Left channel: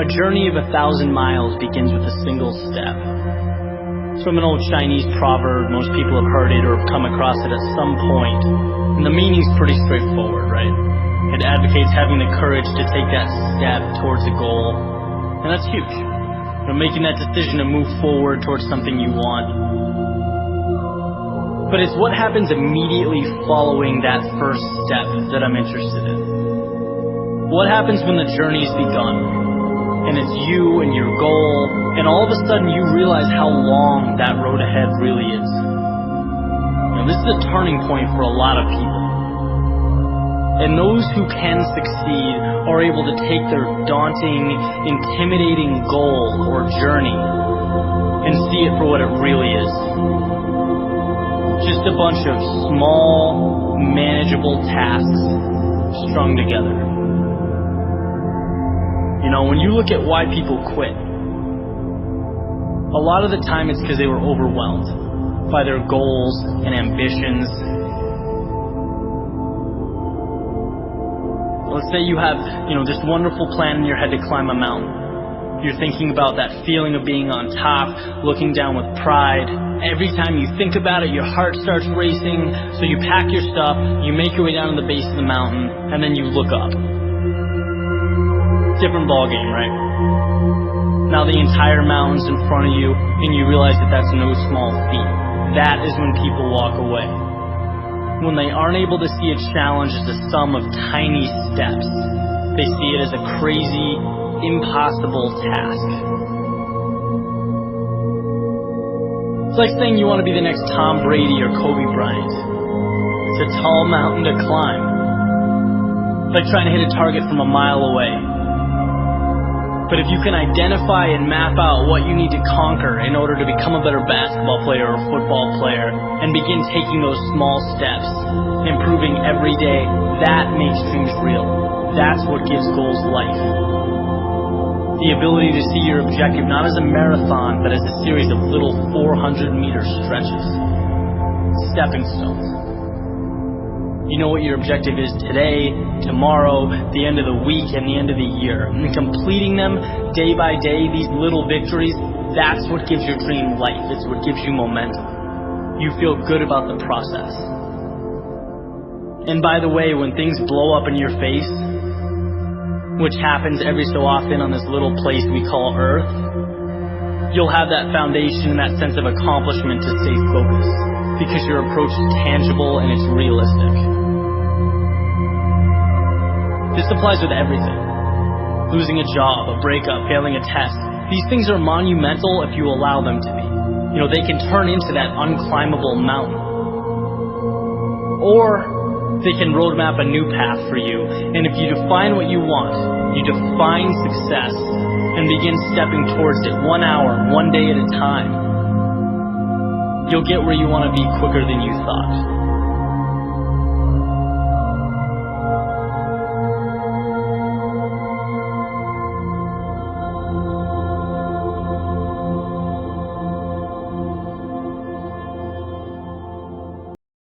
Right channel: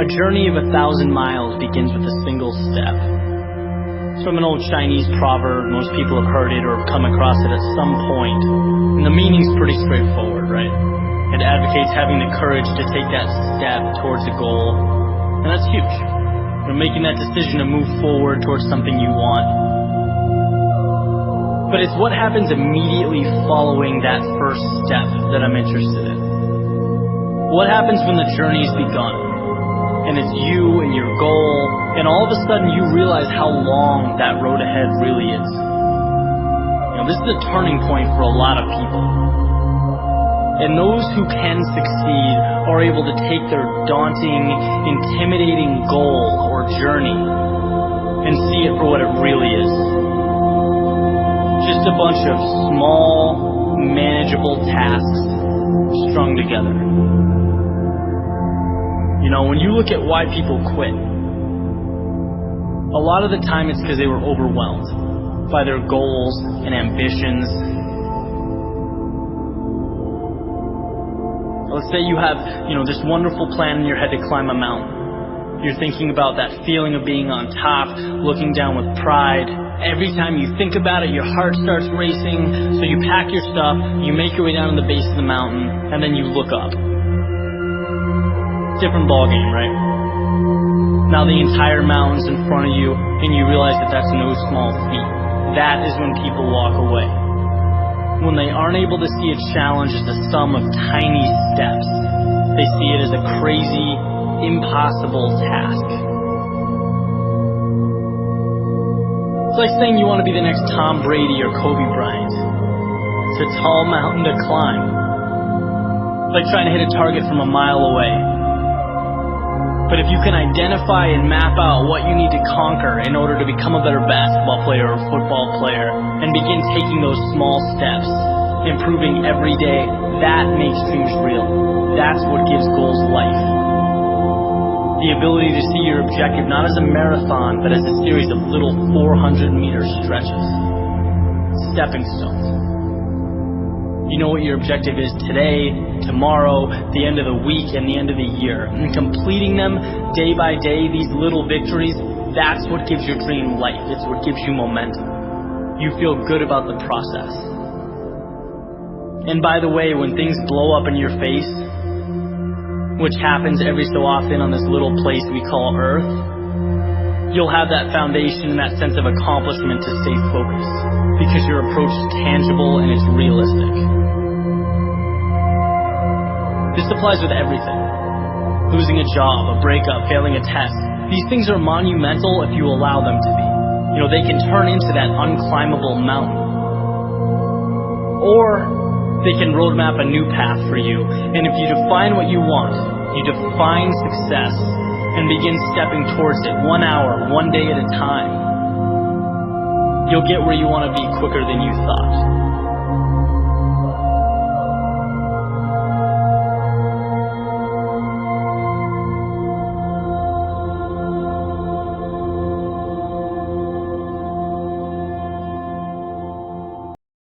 A journey of 1,000 miles begins with a single step. It's from an old Chinese proverb. Most people have heard it or have come across it at some point. And the meaning's pretty straightforward, right? It advocates having the courage to take that step towards a goal. And that's huge. Making that decision to move forward towards something you want. But it's what happens immediately following that first step that I'm interested in. What happens when the journey's begun, and it's you and your goal, and all of a sudden you realize how long that road ahead really is. This is a turning point for a lot of people. And those who can succeed are able to take their daunting, intimidating goal or journey and see it for what it really is. Just a bunch of small, manageable tasks strung together. When you look at why people quit, a lot of the time it's because they were overwhelmed by their goals and ambitions. Let's say you have, this wonderful plan in your head to climb a mountain. You're thinking about that feeling of being on top, looking down with pride. Every time you think about it, your heart starts racing. So you pack your stuff, you make your way down to the base of the mountain, and then you look up. Different ballgame, right? Now the entire mountain's in front of you, and you realize that that's no small feat. That is when people walk away. When they aren't able to see a challenge as a sum of tiny steps, they see it as a crazy, impossible task. It's like saying you want to be the next Tom Brady or Kobe Bryant. It's a tall mountain to climb. It's like trying to hit a target from a mile away. But if you can identify and map out what you need to conquer in order to become a better basketball player or football player, and begin taking those small steps, improving every day, that makes dreams real. That's what gives goals life. The ability to see your objective not as a marathon, but as a series of little 400-meter stretches. Stepping stones. You know what your objective is today, tomorrow, the end of the week, and the end of the year. And completing them day by day, these little victories, that's what gives your dream life. It's what gives you momentum. You feel good about the process. And by the way, when things blow up in your face, which happens every so often on this little place we call Earth, you'll have that foundation and that sense of accomplishment to stay focused, because your approach is tangible and it's realistic. This applies with everything. Losing a job, a breakup, failing a test. These things are monumental if you allow them to be. They can turn into that unclimbable mountain. Or they can roadmap a new path for you. And if you define what you want, you define success and begin stepping towards it 1 hour, 1 day at a time, you'll get where you want to be quicker than you thought.